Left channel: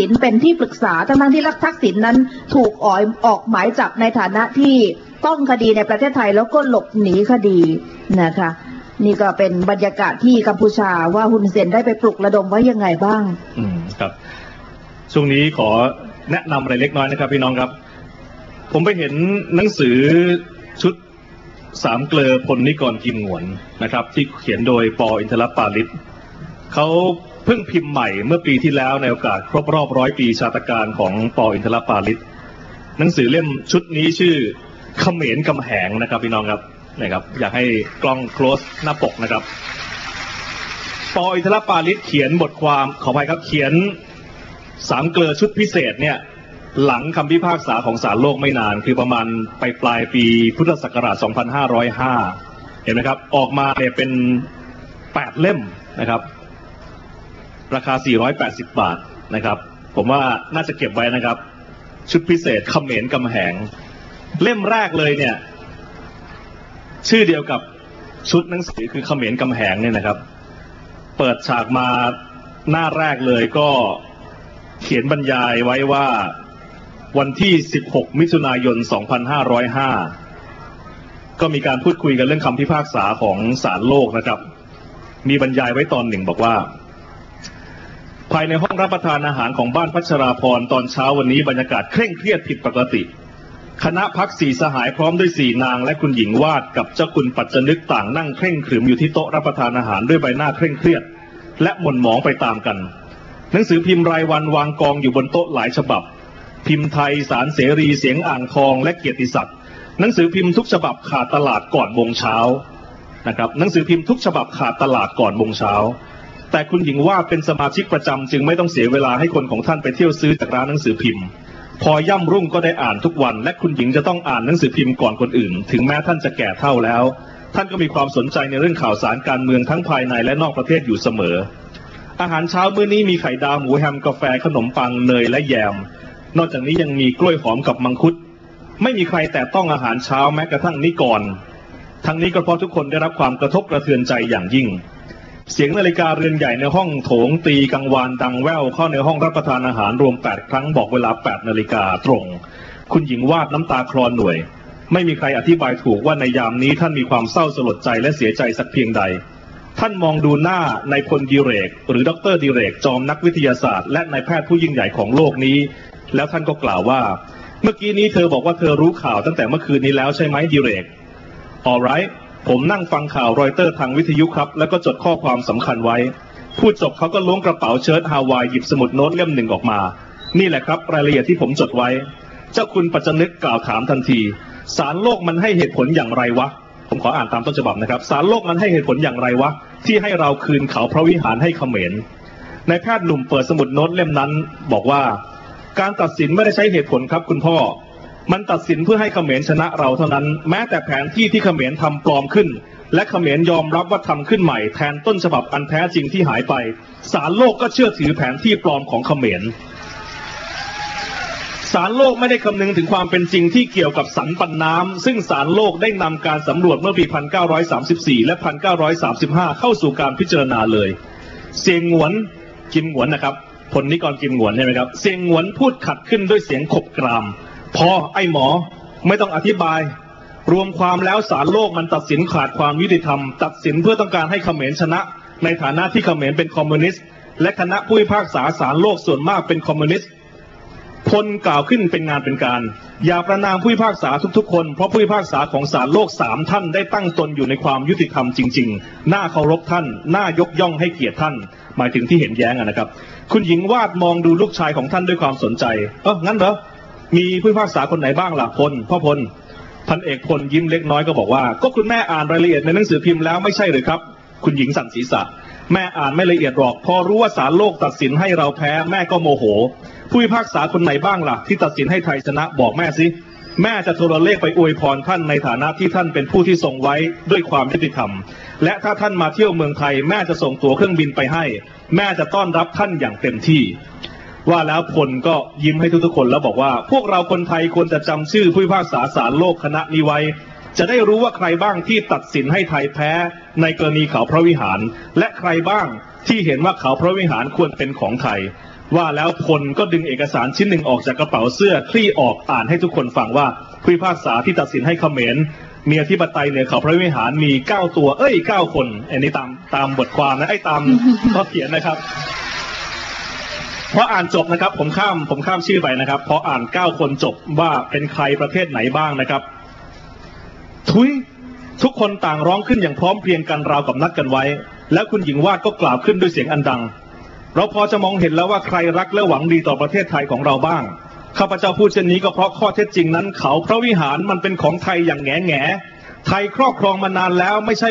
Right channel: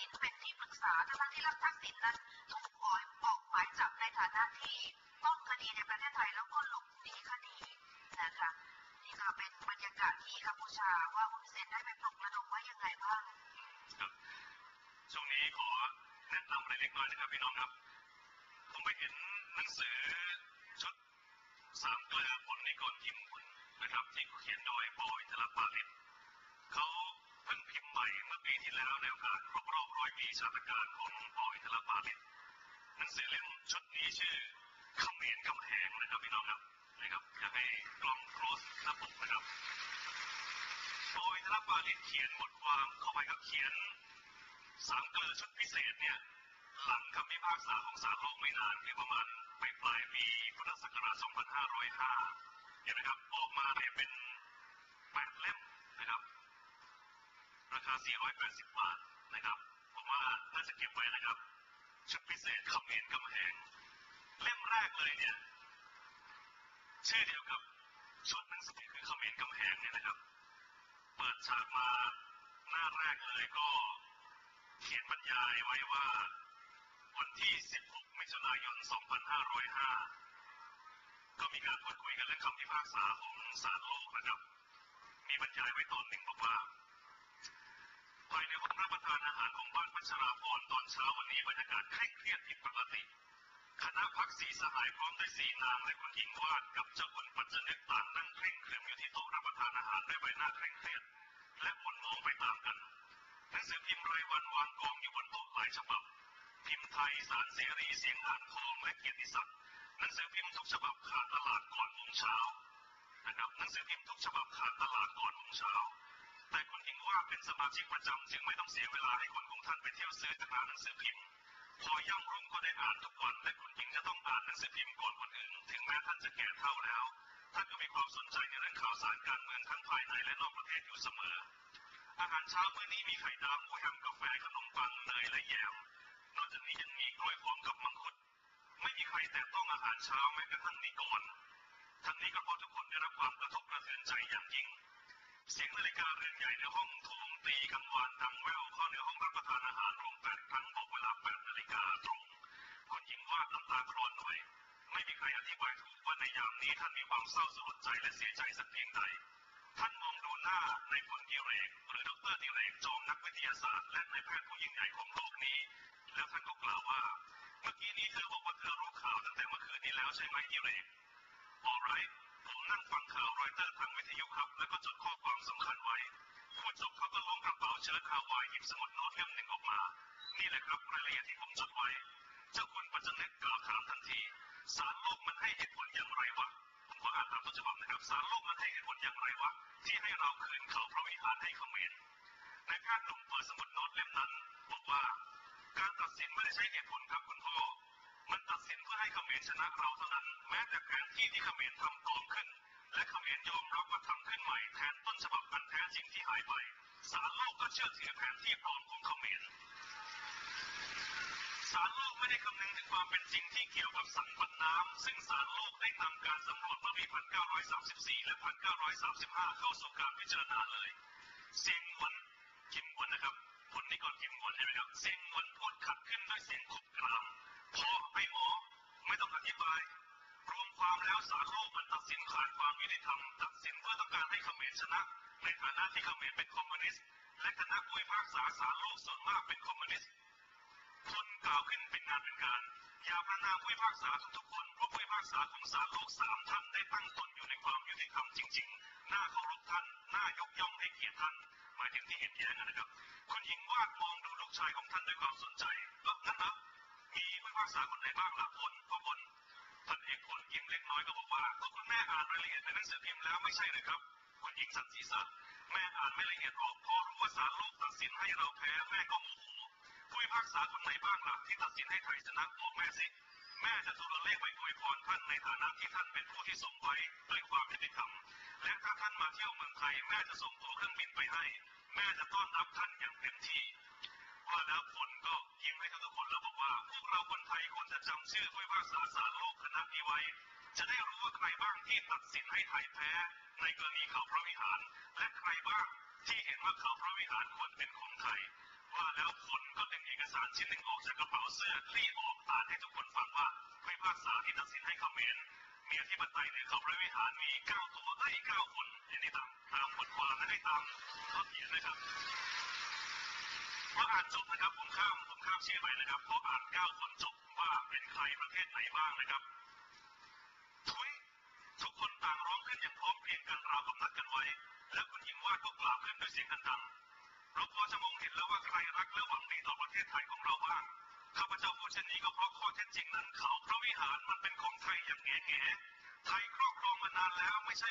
ษิณเป็นที่ปรึกษาทั้งที่รักทักษิณนั้นถูกออยออกหมายจับในฐานะที่ต้องคดีในประเทศไทยแล้วก็หลบหนีคดีนะคะ นี่ก็เป็นบรรยากาศที่กัมพูชาว่าฮุนเซนได้ไปปลุกระดมไว้ยังไงบ้าง อืมครับช่วงนี้ขอแนะนำอะไรเล็กน้อยนะครับ พี่น้องครับ ผมไปเห็นหนังสือชุดสามเกลอพลนิกรกิมหวนนะครับ ที่เขียนโดยปออินทรปาลิศเขา เพิ่งพิมพ์ใหม่เมื่อปีที่แล้วในโอกาสครบรอบร้อยปีชาตการของปออินทรปาลิศหนังสือเล่มชุดนี้ชื่อเขมรกำแหงนะครับพี่น้องครับนะครับ อยากให้กล้อง close หน้าปกนะครับปออินทรปาลิศเขียนบทความขออภัยครับเขียนสามเกลือชุดพิเศษเนี่ยหลังคำพิพากษาของศาลโลกไม่นาน คือประมาณไปปลายปีพุทธศักราช 2505 เห็นไหมครับ ออกมาเนี่ยเป็น 8 เล่มนะครับ ราคา 480 บาทนะครับ ผมว่าน่าจะเก็บไว้นะครับ ชุดพิเศษเขมรกำแหง เล่มแรกเลยเนี่ย ชื่อเดียวกับชุดหนังสือคือเขมรกำแหงเนี่ยนะครับ เปิดฉากมาหน้าแรกเลยก็เขียนบรรยายไว้ว่าวันที่ 16 มิถุนายน 2505 ก็มีการพูดคุยกันเรื่องคำพิพากษาของศาลโลกนะครับ มีบรรยายไว้ตอนหนึ่งบอกว่า ภายในห้องรับประทานอาหารของบ้านพัชราพรตอนเช้าวันนี้บรรยากาศเคร่งเครียดผิดปกติ คณะพักสี่สหายพร้อมด้วยสี่นางและคุณหญิงวาดกับเจ้าคุณปัจจนึกต่างนั่งเคร่งขรึมอยู่ที่โต๊ะรับประทานอาหารด้วยใบหน้าเคร่งเครียด และหม่นหมองไปตามกัน หนังสือพิมพ์รายวันวางกองอยู่บนโต๊ะหลายฉบับ พิมพ์ไทยสารเสรีเสียงอ่างทองและเกียรติศักดิ์หนังสือพิมพ์ทุกฉบับขาดตลาดก่อนวงเช้านะครับหนังสือพิมพ์ทุกฉบับขาดตลาดก่อนวงเช้า แต่คุณหญิงว่าเป็นสมาชิกประจำจึงไม่ต้องเสียเวลาให้คนของท่านไปเที่ยวซื้อจากร้านหนังสือพิมพ์ พอย่ำรุ่งก็ได้อ่านทุกวัน และคุณหญิงจะต้องอ่านหนังสือพิมพ์ก่อนคนอื่น ถึงแม้ท่านจะแก่เท่าแล้ว ท่านก็มีความสนใจในเรื่องข่าวสารการเมืองทั้งภายในและนอกประเทศอยู่เสมอ อาหารเช้ามื้อนี้มีไข่ดาวหมูแฮมกาแฟขนมปังเนยและแยม นอกจากนี้ยังมีกล้วยหอมกับมังคุด ไม่มีใครแต่ต้องอาหารเช้าแม้กระทั่งนิกรทั้งนี้ก็เพราะทุกคนได้รับความกระทบกระเทือนใจอย่างยิ่ง เสียงนาฬิกาเรือนใหญ่ในห้องโถงตีกังวานดังแว่วเข้าในห้องรับประทานอาหารรวม 8 ครั้งบอกเวลา 8 นาฬิกาตรง คุณหญิงวาดน้ำตาคลอนหน่วย ไม่มีใครอธิบายถูกว่าในยามนี้ท่านมีความเศร้าสลดใจและเสียใจสักเพียงใด ท่านมองดูหน้านายพลดิเรก หรือดรดิเรกจอมนักวิทยาศาสตร์ และนายแพทย์ผู้ยิ่งใหญ่ของโลกนี้ แล้วท่านก็กล่าวว่า เมื่อกี้นี้เธอบอกว่าเธอรู้ข่าวตั้งแต่เมื่อคืนนี้แล้วใช่ไหมดิเรก alright ผมนั่งฟังข่าวรอยเตอร์ทางวิทยุครับ แล้วก็จดข้อความสำคัญไว้ พูดจบเขาก็ล้วงกระเป๋าเชิ้ตฮาวายหยิบสมุดโน้ตเล่มหนึ่งออกมา นี่แหละครับ รายละเอียดที่ผมจดไว้ เจ้าคุณปัจจนึกกล่าวถามทันทีสารโลกมันให้เหตุผลอย่างไรวะ ผมขออ่านตามต้นฉบับนะครับสารโลกมันให้เหตุผลอย่างไรวะ ที่ให้เราคืนเขาพระวิหารให้เขมรนายแพทย์หนุ่มเปิดสมุดโน้ตเล่มนั้น บอกว่า การตัดสินไม่ได้ใช้เหตุผลครับคุณพ่อ มันตัดสินเพื่อให้เขมรชนะเราเท่านั้น แม้แต่แผนที่ที่เขมรทำปลอมขึ้น และเขมรยอมรับว่าทำขึ้นใหม่แทนต้นฉบับอันแท้จริงที่หายไปสารโลกก็เชื่อถือแผนที่ปลอมของเขมรสารโลกไม่ได้คำนึงถึงความเป็นจริงที่เกี่ยวกับสันปันน้ำ ซึ่งสารโลกได้นำการสำรวจเมื่อปี 1934 และ 1935 เข้าสู่การพิจารณาเลย เสียงหวนกินหวนนะครับผลนิกรกินหวนใช่ไหมครับ เสียงหวนพูดขัดขึ้นด้วยเสียงขบกราม พอไอ้หมอไม่ต้องอธิบาย รวมความแล้วสารโลกมันตัดสินขาดความยุติธรรม ตัดสินเพื่อต้องการให้เขมรชนะ ในฐานะที่เขมรเป็นคอมมิวนิสต์และคณะผู้พิพากษาสารโลกส่วนมากเป็นคอมมิวนิสต์พลกล่าวขึ้นเป็นงานเป็นการ อย่าประนามผู้พิพากษาทุกๆ คน เพราะผู้พิพากษาของศาลโลกสามท่านได้ตั้งตนอยู่ในความยุติธรรมจริงๆ น่าเคารพท่าน น่ายกย่องให้เกียรติท่าน หมายถึงที่เห็นแย้งนะครับ คุณหญิงวาดมองดูลูกชายของท่านด้วยความสนใจ เอองั้นเหรอ มีผู้พิพากษาคนไหนบ้างล่ะพลพ่อพลพันเอกพลยิ้มเล็กน้อยก็บอกว่า ก็คุณแม่อ่านรายละเอียดในหนังสือพิมพ์แล้วไม่ใช่หรือครับ คุณหญิงสั่นศีรษะ แม่อ่านไม่ละเอียดหรอก พอรู้ว่าศาลโลกตัดสินให้เราแพ้แม่ก็โมโห ผู้พิพากษาคนไหนบ้างล่ะ ที่ตัดสินให้ไทยชนะบอกแม่สิแม่จะโทรเลขไปอวยพรท่านในฐานะที่ท่านเป็นผู้ที่ทรงไว้ด้วยความยุติธรรม และถ้าท่านมาเที่ยวเมืองไทย แม่จะส่งตั๋วเครื่องบินไปให้ แม่จะต้อนรับท่านอย่างเต็มที่ ว่าแล้วพลก็ยิ้มให้ทุกๆคนแล้วบอกว่า พวกเราคนไทยควรจะจำชื่อผู้พิพากษาศาลโลกคณะนี้ไว้ จะได้รู้ว่าใครบ้างที่ตัดสินให้ไทยแพ้ในกรณีเขาพระวิหาร และใครบ้างที่เห็นว่าเขาพระวิหารควรเป็นของไทย ว่าแล้วพลก็ดึงเอกสารชิ้นหนึ่งออกจากกระเป๋าเสื้อคลี่ออกอ่านให้ทุกคนฟังว่าผู้พิพากษาที่ตัดสินให้เขมรมีอธิปไตยเหนือเขาพระวิหารมีเก้าตัว เอ้ยเก้าคน อันนี้ตามตามบทความนะไอ้ตามข้อเขียนนะครับ พออ่านจบนะครับ ผมข้ามผมข้ามชื่อไปนะครับพออ่านเก้าคนจบว่าเป็นใครประเทศไหนบ้างนะครับ ทุยทุกคนต่างร้องขึ้นอย่างพร้อมเพรียงกันราวกับนัดกันไว้ แล้วคุณหญิงวาดก็กล่าวขึ้นด้วยเสียงอันดัง เราพอจะมองเห็นแล้วว่าใครรักและหวังดีต่อประเทศไทยของเราบ้างข้าพเจ้าพูดเช่นนี้ก็เพราะข้อเท็จจริงนั้น เขาพระวิหารมันเป็นของไทยอย่างแง่แง่ไทยครอบครองมานานแล้วไม่ใช่